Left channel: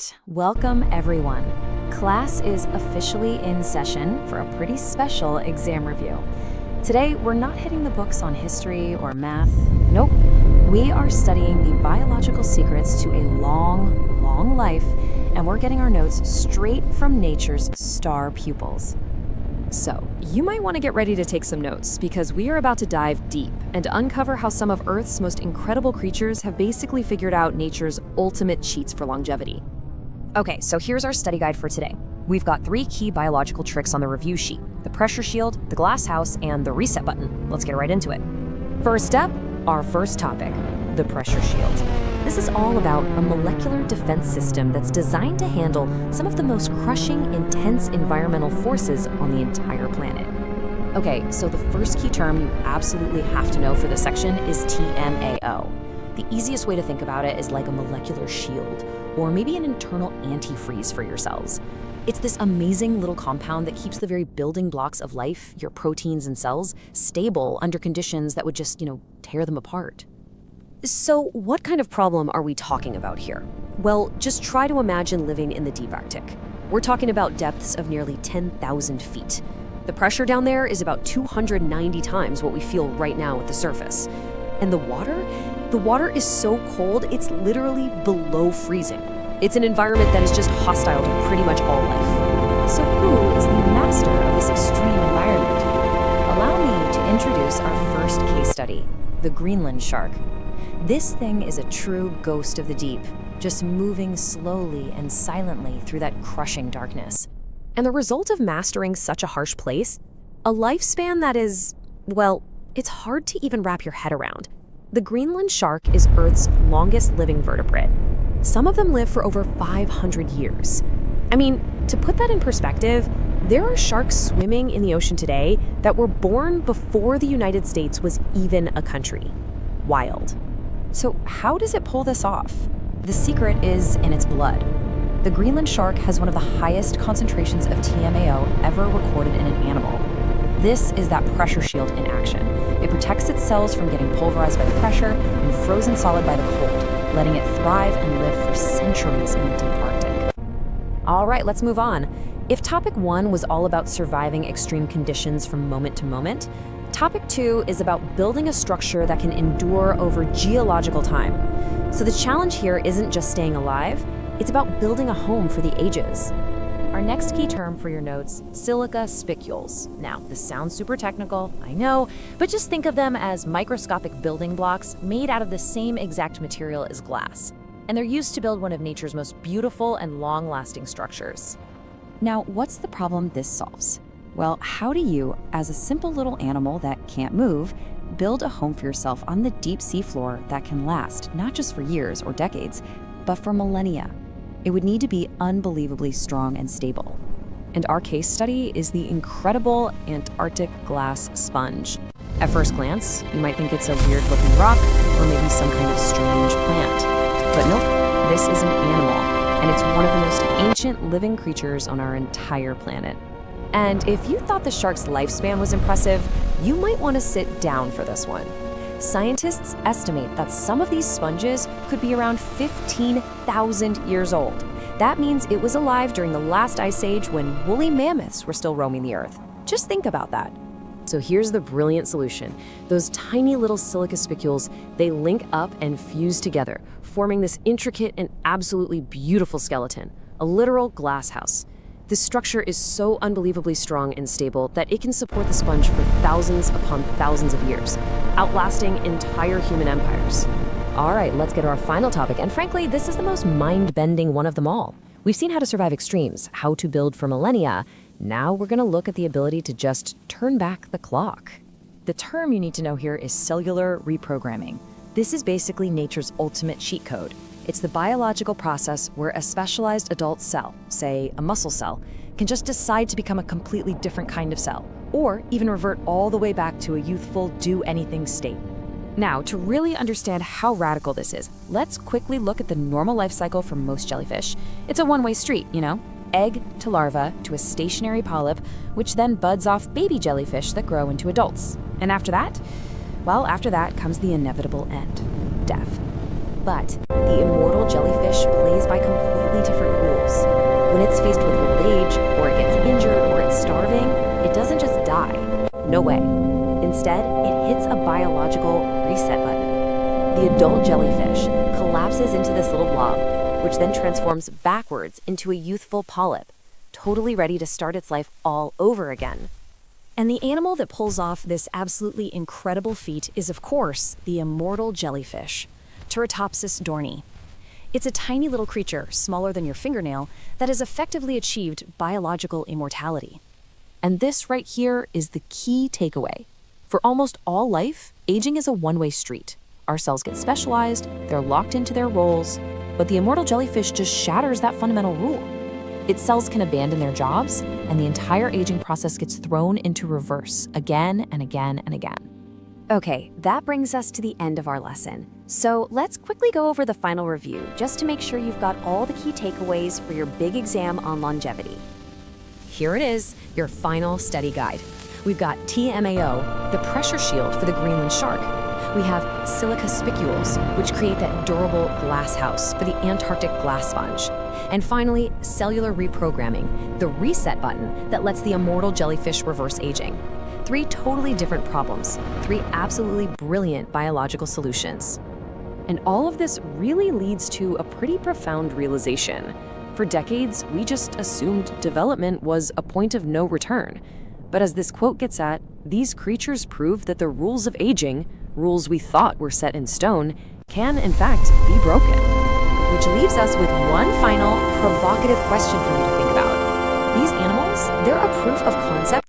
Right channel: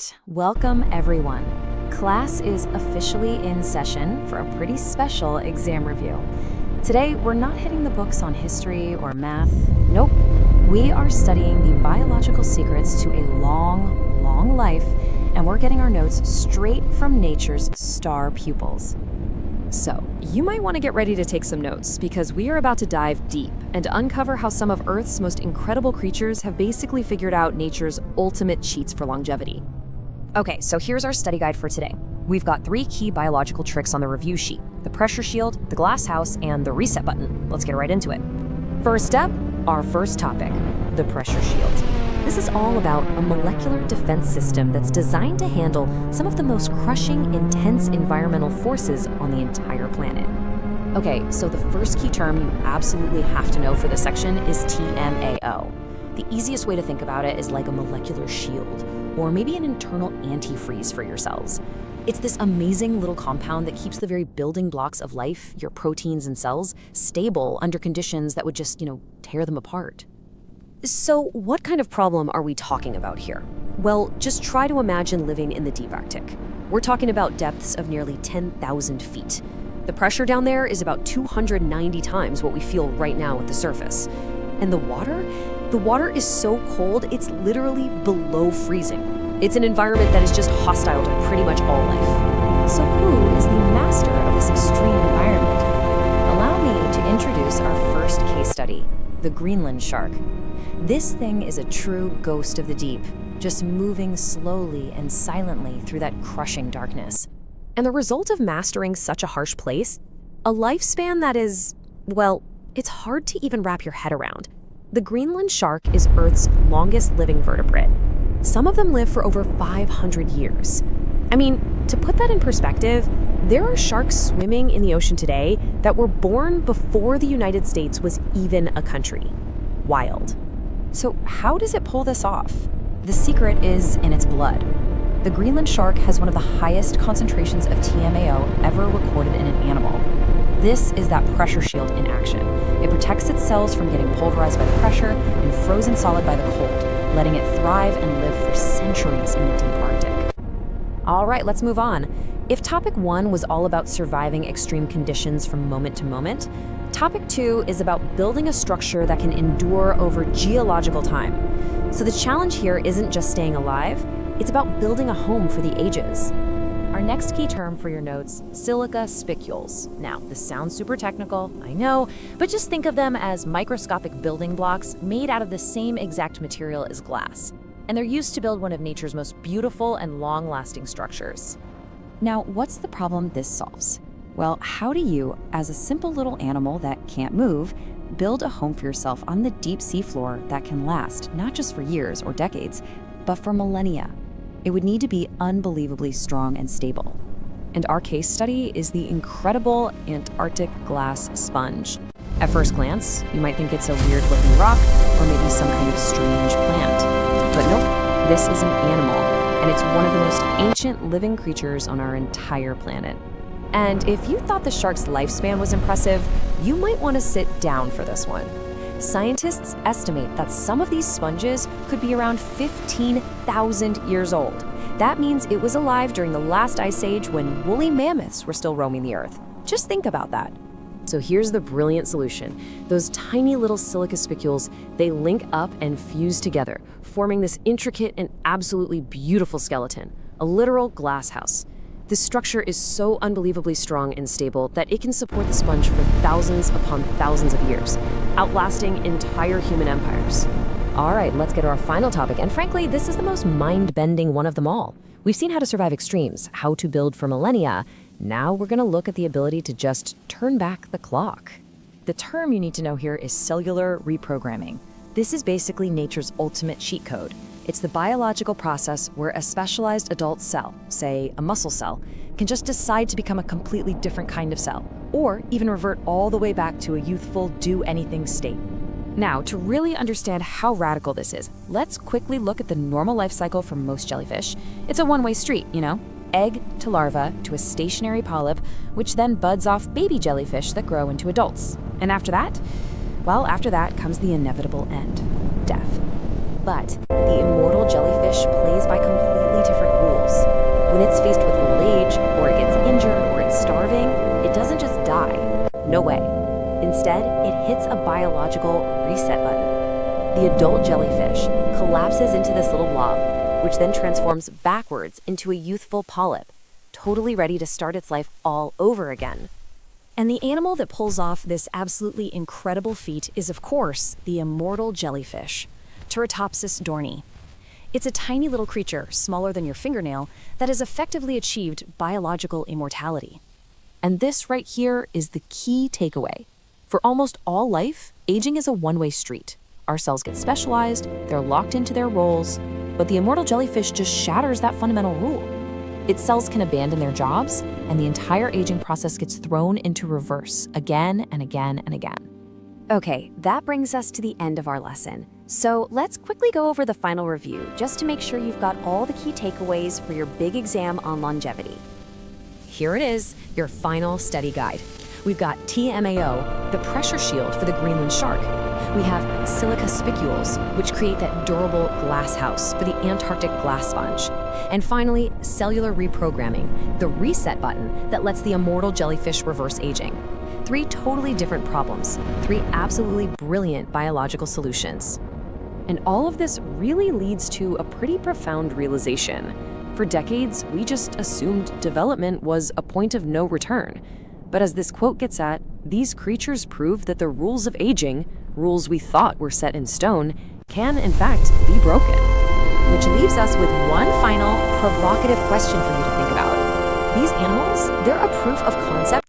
right, welcome everyone. Class is officially in session for a pretty special exam review. Today, we're not hitting the books on history or math. Nope. We are studying the biological secrets to a long, long life, and we're getting our notes straight from nature's star pupils. So, you might want to get ready to take some notes because we are about to dive deep and uncover how some of Earth's most incredible creatures have basically figured out nature's ultimate cheats for longevity. Okay, so here's our study guide for today. We've got 3 key biological tricks on the review sheet: the pressure shield, the glass house, and the reset button. Let's get right into it. First up, our first topic, the pressure shield. This is all about a molecular defense system that's designed to handle some of the most crushing, intense environmental forces on the entire planet. Okay, so the first key term you absolutely have to know for this section is TMAO. The easiest way to think about it is like a molecular shield, or maybe an internal antifreeze for your cells. It's this amazing little compound that keeps the very building blocks of life, your proteins and cells, stable under conditions that would just, tear them apart. So, what kind of problem are we talking about here? Well, just try to imagine living in the deep Arctic. We're talking about depths of nearly 10,000 feet. The pressure down there is about 290 times what we feel right now at the surface. And the water is so cold, it's literally below freezing. It's an environment that is just hostile to pretty much all life. So who is the master of this extreme environment? Allow me to introduce our first case study, the Greenland shark. This thing is a true ghost of the deep, just moving slowly and silently through that crushing darkness. And the result of mastering such a harsh place? A lifespan that is, well, it's hard to even wrap your head around. The Greenland shark is Earth's longest living vertebrate. Some of them live for over 500 years. I mean, to put that in perspective, there are sharks swimming in the ocean today that were born before the United States was even a country. Wild. So how does it pull this off? The secret is in its blood. The Greenland shark has one of the highest concentrations of TMAO ever recorded in an animal. This is that pressure shield in action. It protects its cells from getting pulverized by the pressure and frozen solid by the cold, letting it thrive and live for centuries in the deep Arctic. All right, let's move on. If topic 1 was all about surviving extreme conditions from moment to moment, topic 2 is about building a structure that can endure over geological time. So the challenge here isn't just staying alive, it's about building a home for the ages. Our next key term for your notes, silica spicules. Now, this sounds super technical, I know, but just think of them as microscopic building blocks made out of the same exact material as glass. And they're used to build one of nature's most beautiful and long-lasting structures. Now, what's the problem this solves? Well, how do you, as a simple little animal that can't move, build a home for yourself on the deep sea floor that can last not just for years or decades, but for millennia? It would need to be unbelievably strong and stable. And our case study is the incredible Antarctic glass sponge. At first glance, you might think it's a weird-looking rock or maybe some kind of strange plant. But nope, this is an animal, and it's one of the most ancient living creatures on our entire planet. And if you thought the shark's lifespan was impressive, you might want to sit down for this one. Scientists estimate that some of these sponges could be around 15,000 years old. That means it was alive during the last ice age when woolly mammoths were still roaming the earth. Just think about that. So here's the brilliant solution. Those tiny little silica spicules, they link up and fuse together, forming this intricate and absolutely beautiful skeleton, a literal glass house. This structure is so unbelievably strong and stable that it can support the sponge for thousands upon thousands of years, outlasting entire human empires. All right, let's get to our final topic, and frankly, this is the most mind-bending one of them all. We've seen how to survive extremes, how to build for millennia. Now we're going to look at the ability to just turn back the clock. The term you need to know here is cellular reprogramming. This is basically nature's ultimate cheat code. It's the biological process where a specialized adult cell, say a muscle cell, can just decide to become a completely different kind of cell, or even revert all the way back to a youthful do-anything state. Now, to really understand how radical this is, let's quickly look at the normal life cycle for most jellyfish. It's a one-way street, egg to larva to a stationary polyp, which then buds off baby jellyfish that grow into adults. And after that? Well, after that comes the inevitable end, death. But the immortal jellyfish plays by completely different rules. When it's faced with old age, or it gets injured, or it's starving, it doesn't just die. No way. Instead, it hits a biological reset button. The adult jellyfish collapses into this little blob, which then transforms backwards into a youthful polyp, totally ready to start its life all over again. And the animal that pulls off this absolutely incredible feat is, of course, the immortal jellyfish, Turritopsis dohrnii. It's a tiny little creature, smaller than your fingernail, that has effectively achieved biological immortality. And this right here is the key takeaway. For almost all life, aging is a one-way street. Our cells get specialized, they're locked into their roles, but the immortal jellyfish just shatters that fundamental rule. Its cells can abandon their jobs, and the entire aging process gets thrown into reverse again and again and again. Okay, that brings us to the end of our lesson. So let's quickly go over the final review, just to make sure you've got all the key takeaways for your big exam on longevity. Here it is, your final study guide. We've got TMAO, the pressure shield for the Greenland shark. We have silica spicules, which create that durable glass house for the Antarctic glass sponge. And finally, cellular reprogramming, the reset button that lets the immortal jellyfish reverse aging. 3 totally different problems, 3 absolutely brilliant biological solutions. And all of this really leads to a pretty profound realization. For decades, we just assumed development was a point of no return. But as this quote gets at, these creatures prove that the rules of aging, rules we thought were set in stone, can in fact be broken. Which leaves us with one final provocative question for you to think about. These animals, they're a proof of concept